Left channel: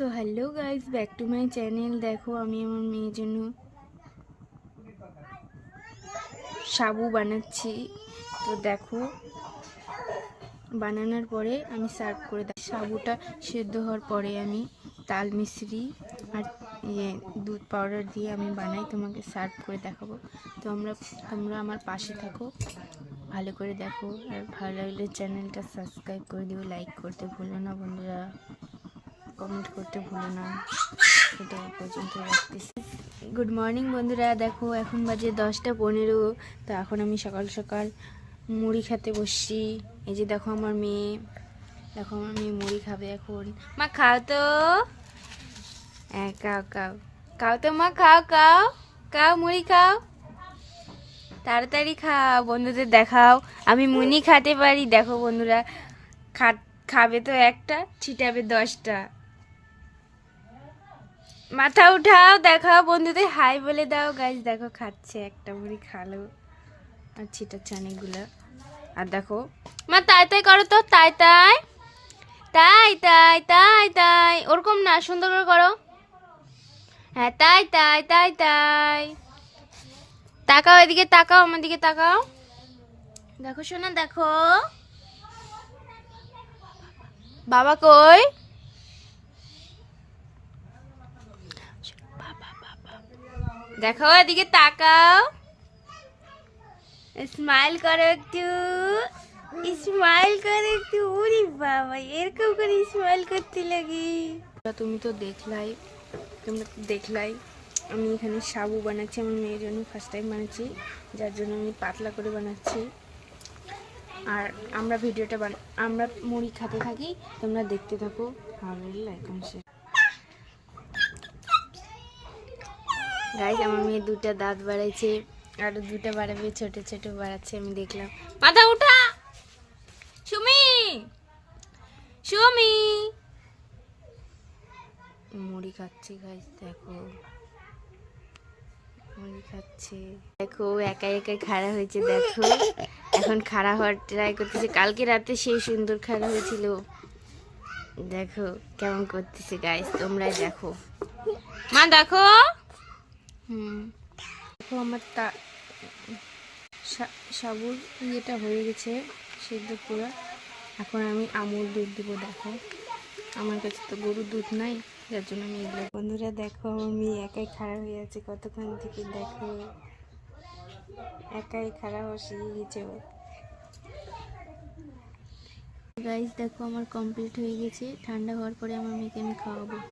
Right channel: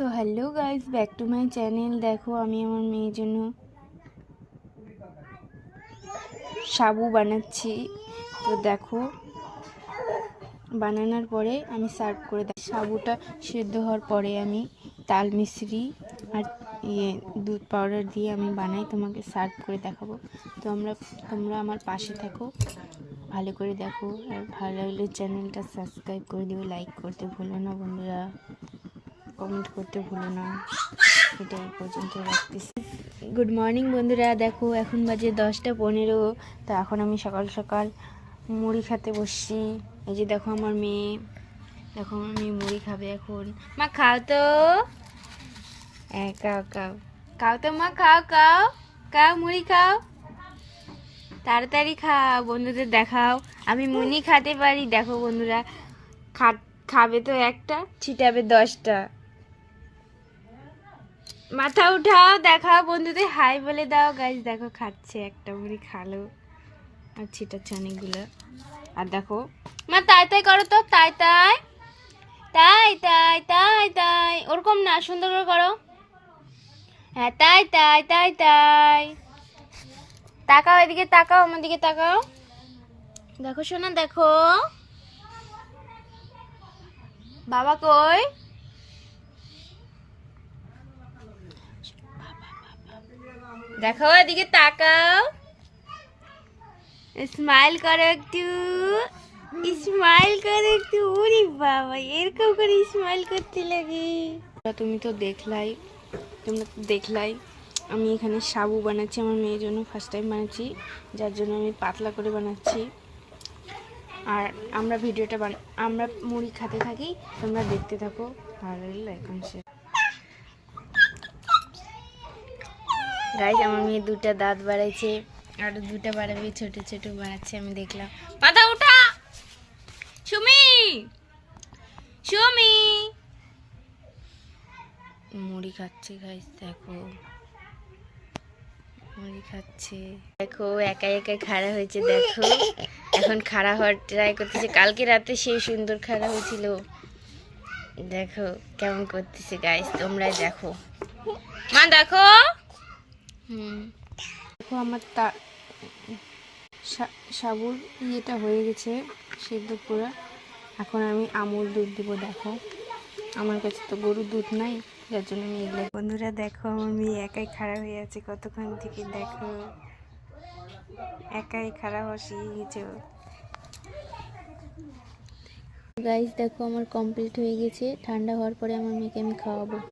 তো hello guys, back to my channel. দেখো আমি আমার মেয়ের জন্য সাবু বানাচ্ছি। তো দেখো বানানোর পরে আমি সার্ভ করে দিই। সাবুটা সেদ্ধ হওয়ার পরে আমি তাল মিশ্রি আর দুধ পাউডার দিয়ে আমি বানাই, তোমাকে সার্ভ করে দেখাবো। তো তোমরা আমার পাশে থাকো, ভালো করে দেখো, আর ভালো লাগলে চ্যানেলটা সাবস্ক্রাইব করে দিও, লাইক করতে ভুলো না বন্ধুরা, কমেন্ট করতে ভুলো না। এটা এই পর্যন্ত রাখতেছি। গুড মর্নিং বন্ধুরা, দেখো এখন বাজে 10টা 15। তো এখন আমি সকাল সকাল মুড়ি খেতে বসছি। এই যে দেখো আমার মেয়ে, দেখো আমার মেয়ে মুড়ি খাবে এখন। মা খাও তো, হ্যাঁ খাও খাও খাও তো মা, খাও খাও খাও, মুড়ি খাও, তাড়াতাড়ি খাও, বন্ধুদের দেখাও আমি মুড়ি খেতে পারি। দেখো বন্ধুরা, খাবে তো একটা, ছিটাবে 10টা। মাথা উঠাও, দেখাও বন্ধুদের, হাই বলে দাও। গাইস দেখো খাচ্ছে, একটা মুড়ি খালো আর ছিটাচ্ছে অনেকগুলো। আর দেখো মা তাই তাই করো তো, তাই তাই তাই তাই তাই তাই, ওরকম না, সুন্দর করে করো। হ্যাঁ তাই তাই তাই তাই। তাকাও এদিকে, তাকাও আমার দিকে তাকাও। দেখো শোনা, দেখো বাবা কই, দেখো এদিকে তাকাও, স্মাইল করো একটু, স্মাইল করে একটু। উরি বাবা, এরকম করে স্মাইল করতে লাগে। তুমি তো দেখলাই আমি এখানে সাবু বানাচ্ছি আমার মেয়ের জন্য, ফার্স্ট টাইম বানাচ্ছি, যার জন্য আমি পাতলা করে বানাচ্ছি। আর আমরা মুড়ি খেতে থাকি, তোমরা দেখতে থাকো, ভালো লাগলে এখন সে। গাইস আমার মেয়ে 2টা দাঁত বাড়াইছে, আরো 2টা বাড়াবে, ছোট ছোট বাড়াচ্ছে, আমি দেখলাম। মাথা উঠা সুমি, সুমি মুড়ি খাচ্ছে। গাইস দেখো মুড়ি খাচ্ছে, দেখো একাই একাই খাড়া হয়েছে। দেখো এখন খাড়া হওয়ার ট্রাই করতেছে, কালকে রাতে সেই সুন্দর খাড়া হয়েছিল। দেখো কেমন করতেছে গাইস, তোমরা দেখো। মা দেখো, দেখো আমার সাবুর ইয়েটা হয়ে গেছে সেদ্ধ পুরো। এখন আমি আমুল দুধ দিব। দেখো আমার কাছে তো গরুর দুধ নাই, যার জন্য আমি এগুলো। বন্ধুরা দেখো আমার মেয়ে একাই খাড়া হয়ে আছে কতক্ষণ থেকে। দেখো একাই খাড়া হওয়া শিখে গেছে। গাইস দেখো আমার কমপ্লিট হয়ে গেছে, ঠান্ডা হওয়ার পরে আমার মেয়েকে আমি খাওয়াবো।